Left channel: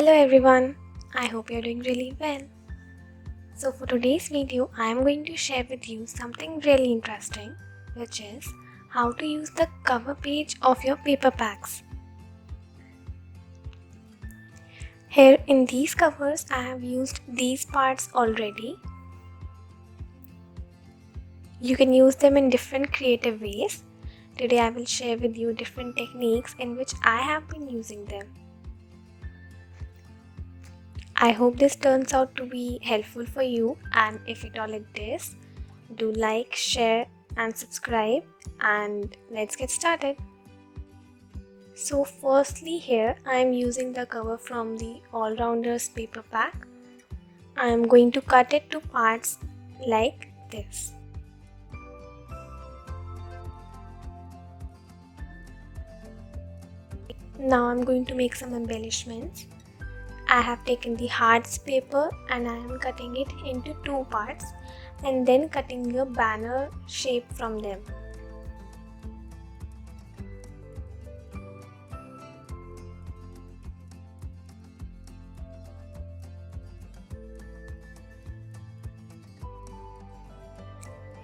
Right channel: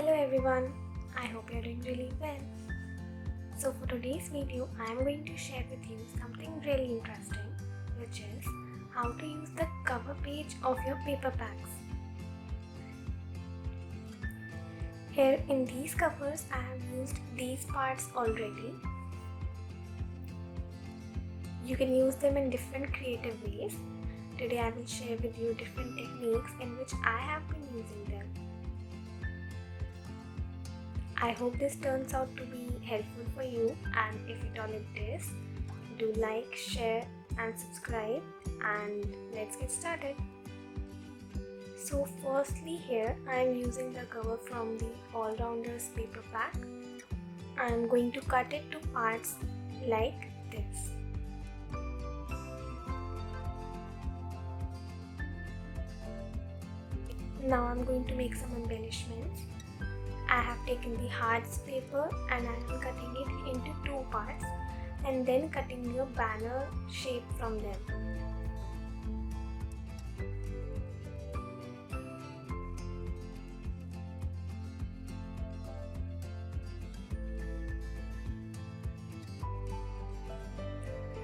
Hello everyone, I hope you're doing really well. So for today's video, I am going to share with you something really interesting, which is how to use the cover page of your paper packs. Here in these covers, I have used these parts already. You can use them in different creative ways. Today I will share with you different techniques in which I have been using them. I hope this turns out to be helpful for you, and if at all it is, do like, share and subscribe, and let's get started. So firstly, here I am using the cover from the All-Rounders paper pack. I am going to cut it to parts like this. Now I am going to make some embellishments. I have taken the hearts paper and I am cutting it into two parts and then cutting a banner shape from them.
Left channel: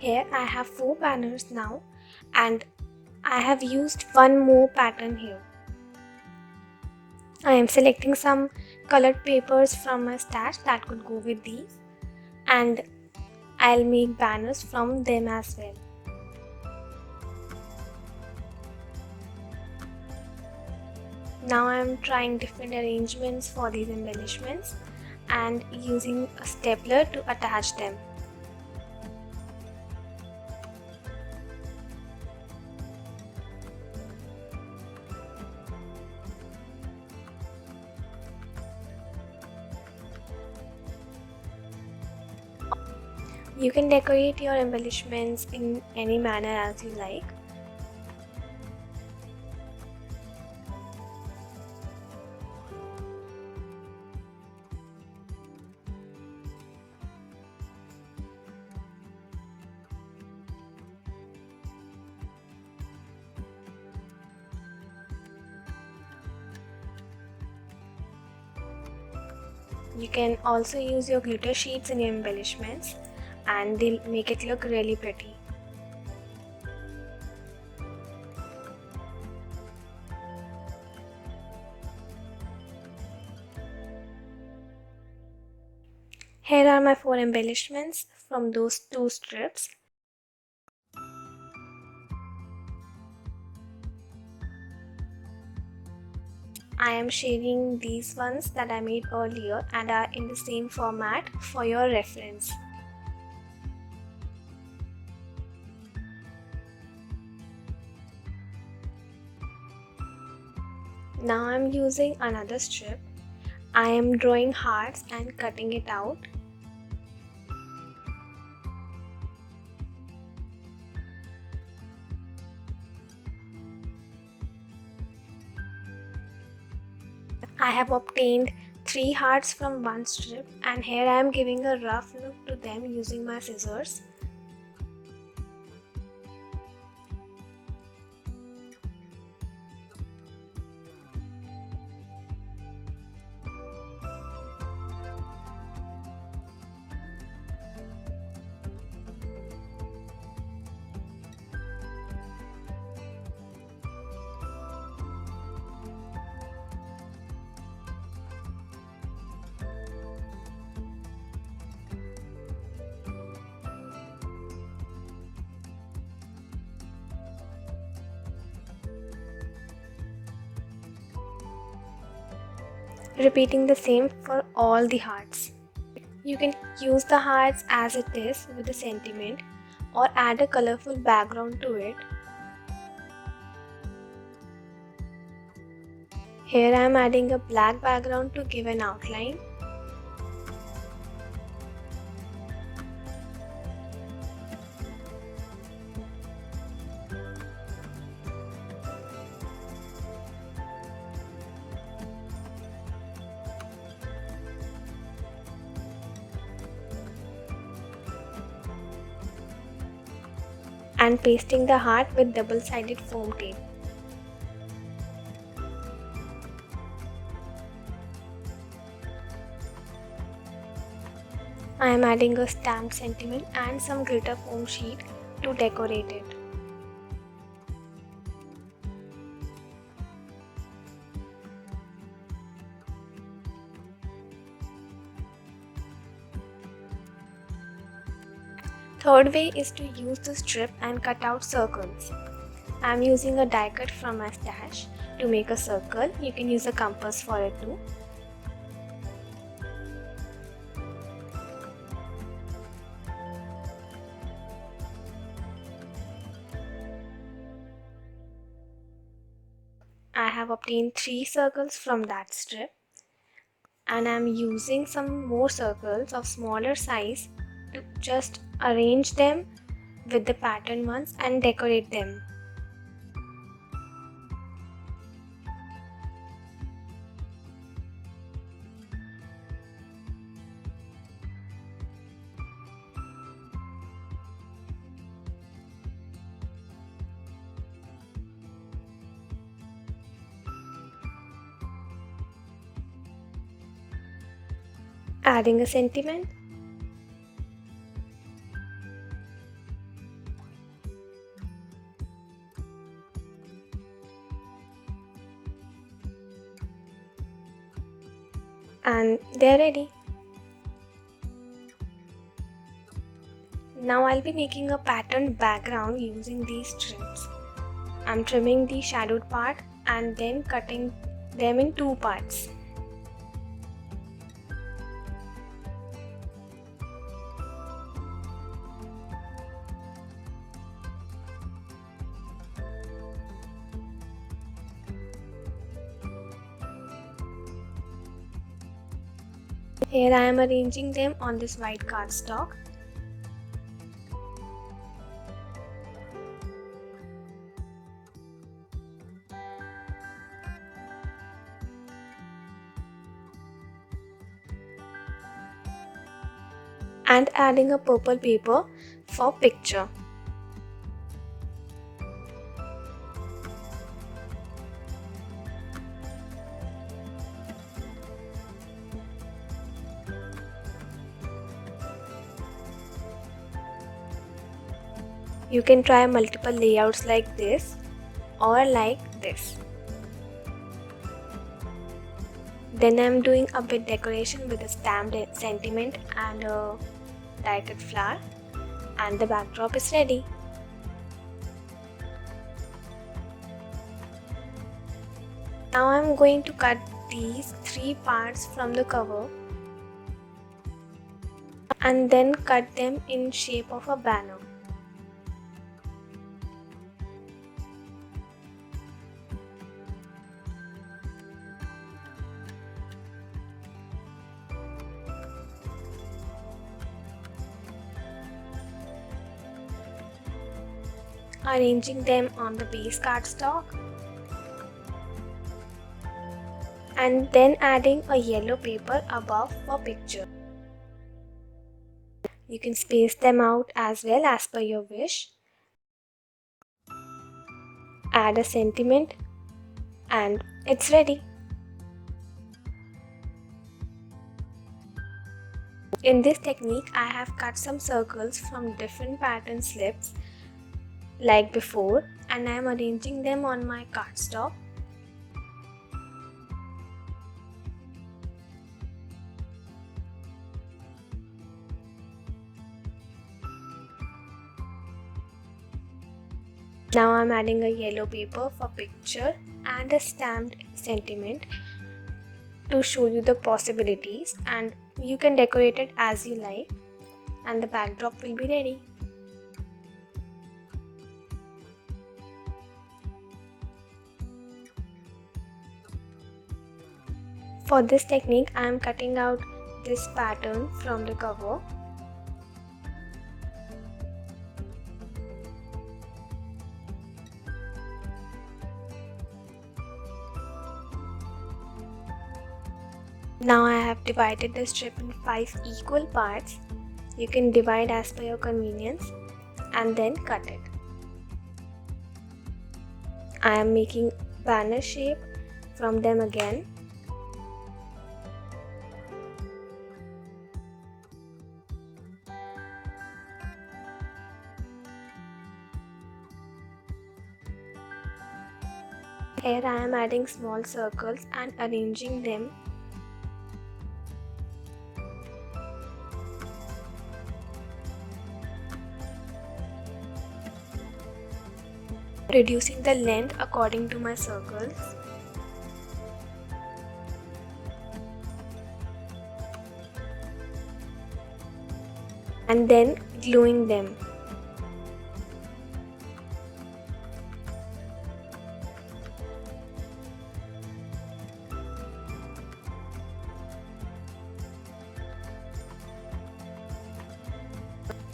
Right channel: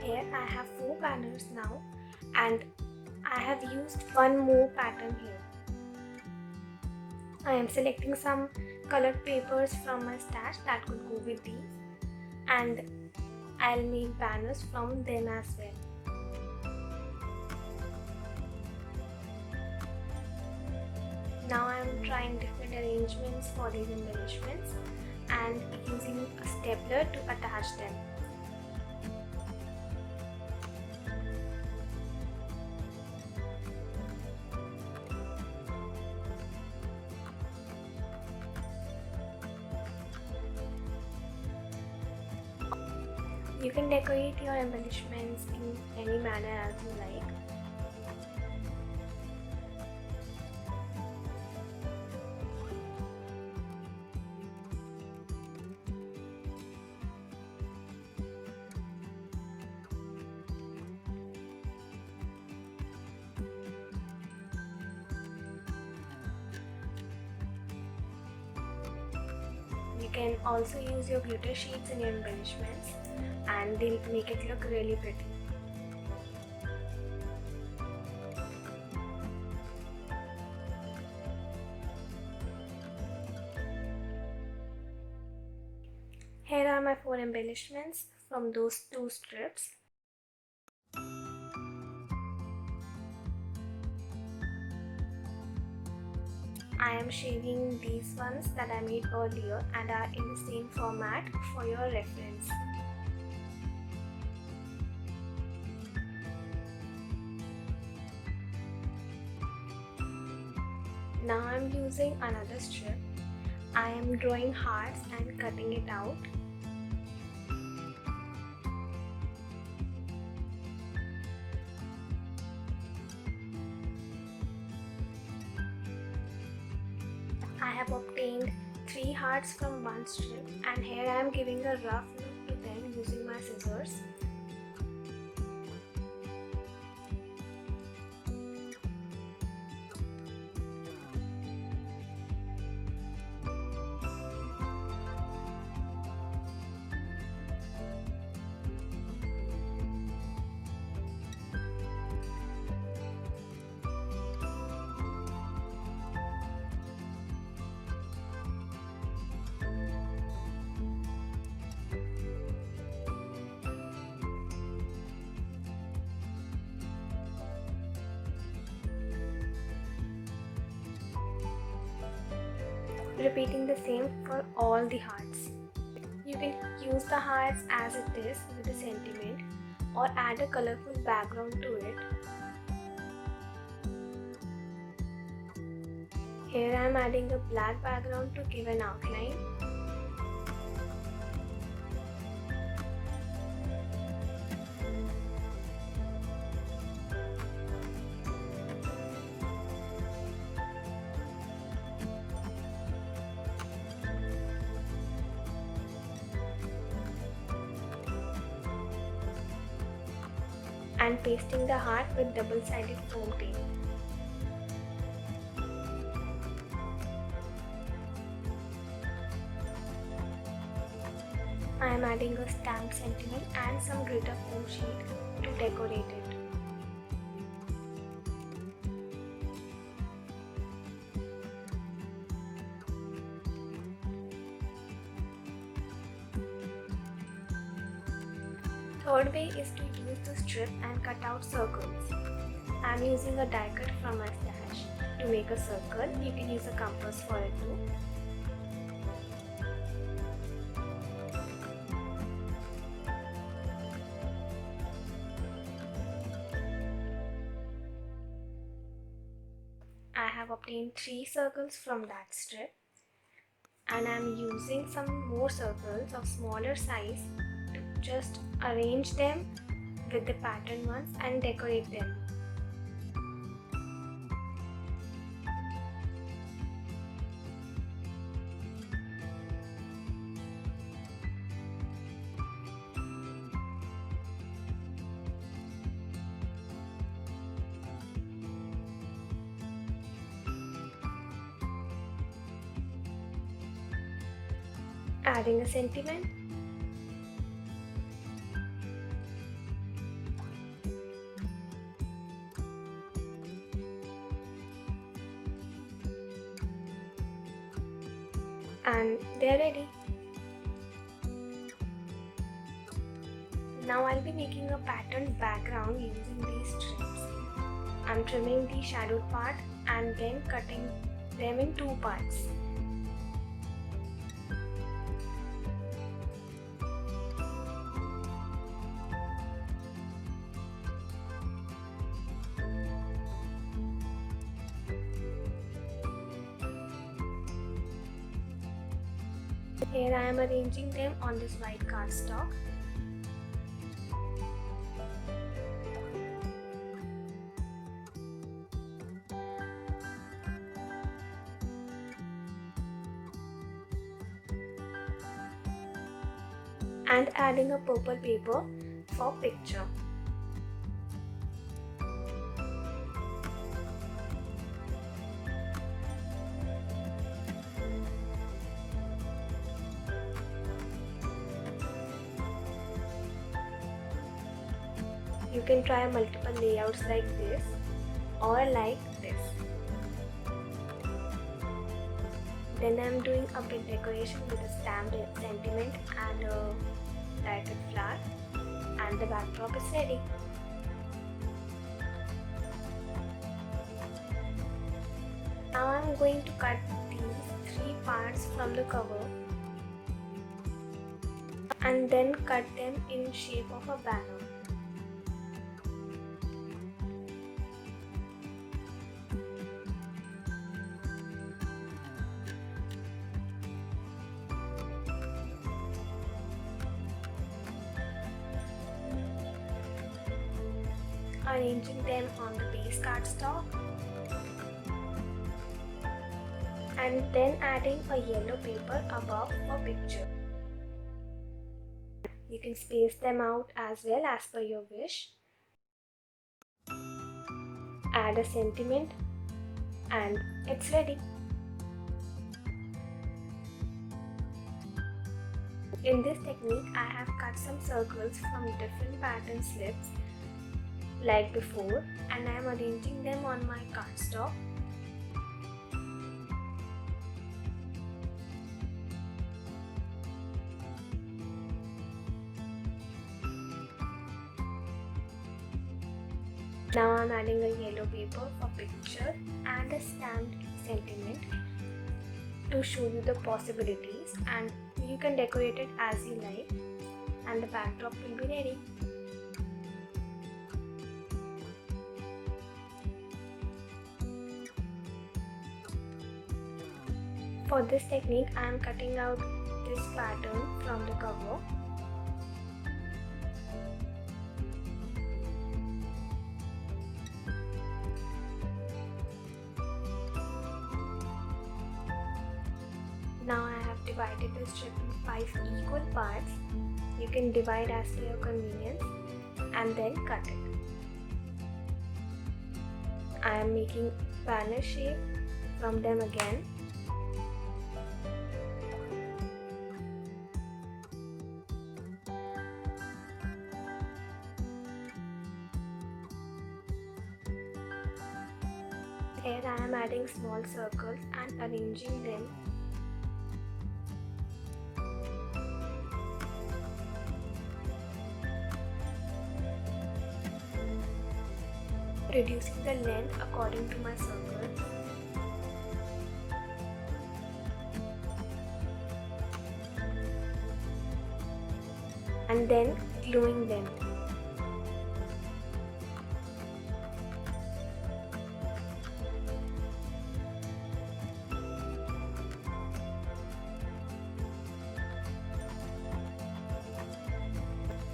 Here I have 4 banners now, and I have used one more pattern here. I am selecting some colored papers from my stash that could go with these, and I'll make banners from them as well. Now I am trying different arrangements for these embellishments and using a stapler to attach them. You can decorate your embellishments in any manner as you like. You can also use your glitter sheets in your embellishments, and they'll make it look really pretty. Here are my 4 embellishments from those 2 strips. I am sharing these ones that I made earlier and are in the same format for your reference. Now I am using another strip. I am drawing hearts and cutting it out. I have obtained 3 hearts from one strip, and here I am giving a rough look to them using my scissors. Repeating the same for all the hearts. You can use the hearts as it is with a sentiment or add a colorful background to it. Here I am adding a black background to give an outline. And pasting the heart with double-sided foam tape. I am adding a stamped sentiment and some glitter foam sheet to decorate it. Third way is to use the strip and cut out circles. I am using a die cut from my stash to make a circle. You can use a compass for it too. I have obtained 3 circles from that strip, and I am using some more circles of smaller size to just arrange them with the pattern ones and decorate them. Adding a sentiment, and they're ready. Now I'll be making a patterned background using these strips. I'm trimming the shadowed part and then cutting them in 2 parts. Here I am arranging them on this white cardstock. And adding a purple paper for picture. You can try multiple layouts like this or like this. Then I am doing a bit decoration with a stamped sentiment and a die-cut flower, and the backdrop is ready. Now I am going to cut these 3 parts from the cover and then cut them in shape of a banner. Arranging them on the base cardstock and then adding a yellow paper above for picture. You can space them out as well as per your wish. Add a sentiment and it's ready. In this technique, I have cut some circles from different pattern slips like before, and I am arranging them on my cardstock. Now I am adding a yellow paper for picture and a stamped sentiment to show you the possibilities, and you can decorate it as you like, and the backdrop will be ready. For this technique, I am cutting out this pattern from the cover. Now I have divided the strip in 5 equal parts. You can divide as per your convenience and then cut it. I am making banner shape from them again. Here I am adding small circles and arranging them. Reducing the length according to my circles. And then gluing them.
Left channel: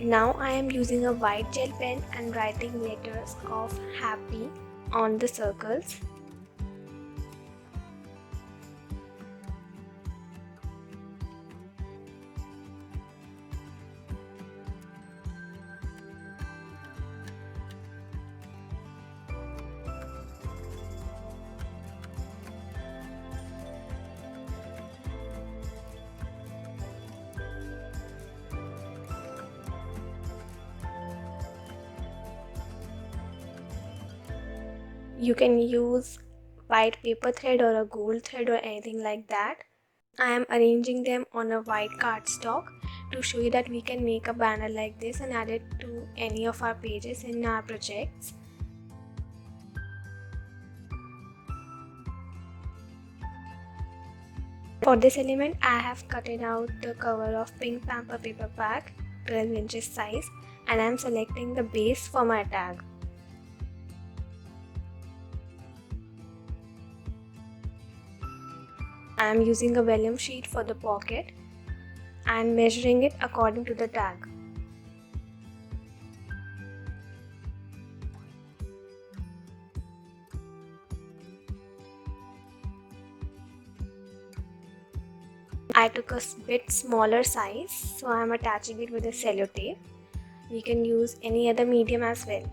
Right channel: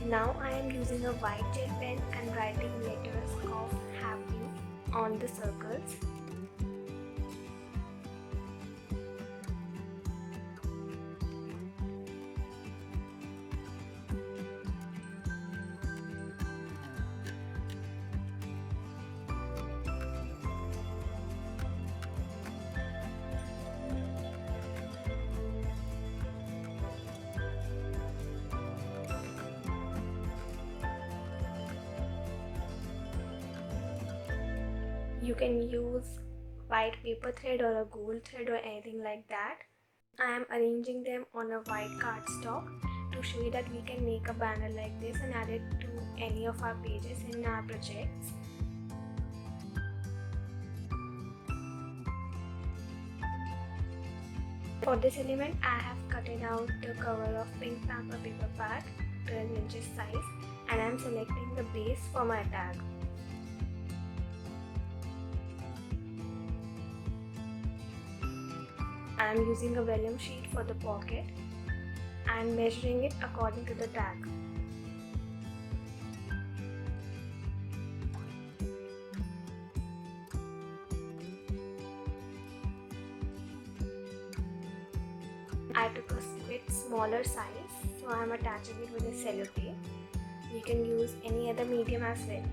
Now I am using a white gel pen and writing letters of happy on the circles. You can use white paper thread or a gold thread or anything like that. I am arranging them on a white cardstock to show you that we can make a banner like this and add it to any of our pages in our projects. For this element, I have cut out the cover of pink Pamper paper pack, 12 inches size, and I am selecting the base for my tag. I am using a vellum sheet for the pocket and measuring it according to the tag. I took a bit smaller size, so I am attaching it with a sellotape. You can use any other medium as well.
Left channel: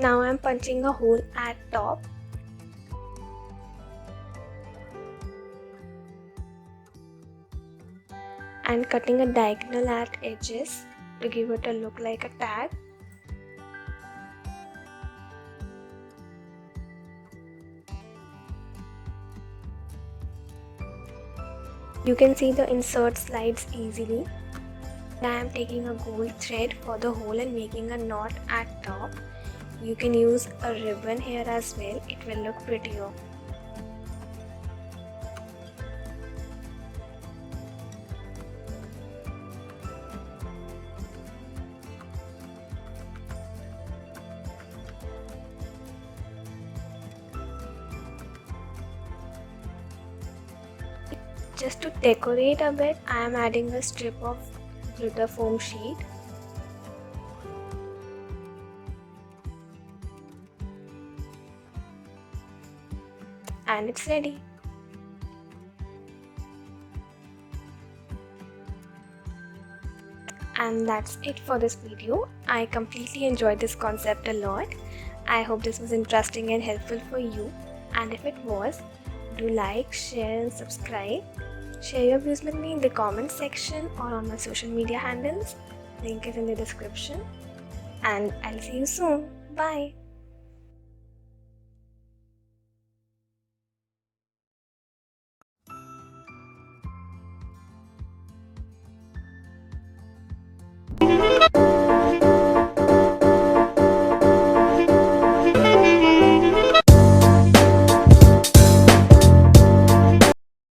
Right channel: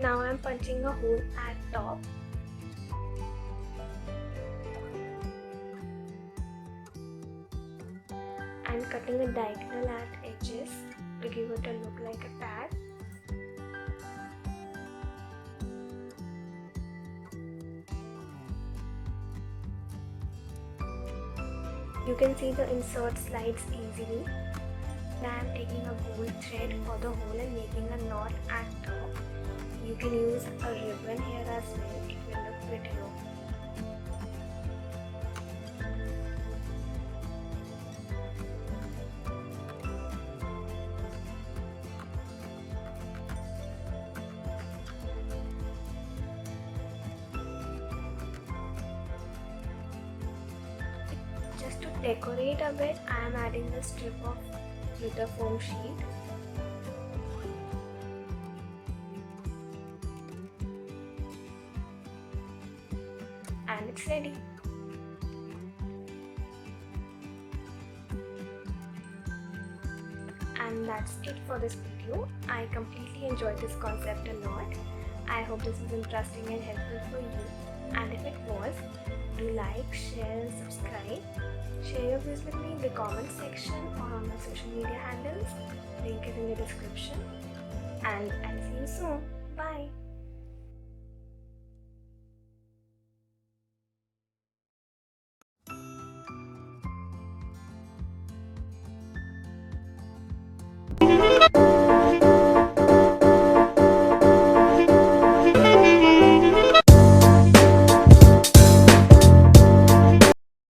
Now I am punching a hole at top. And cutting a diagonal at edges to give it a look like a tag. You can see the insert slides easily. Now I am taking a gold thread for the hole and making a knot at top. You can use a ribbon here as well, it will look prettier. Just to decorate a bit, I am adding a strip of glitter foam sheet. And it's ready. And that's it for this video. I completely enjoyed this concept a lot. I hope this was interesting and helpful for you. And if it was, do like, share and subscribe. Share your views with me in the comment section or on my social media handles. Link is in the description. And I'll see you soon. Bye.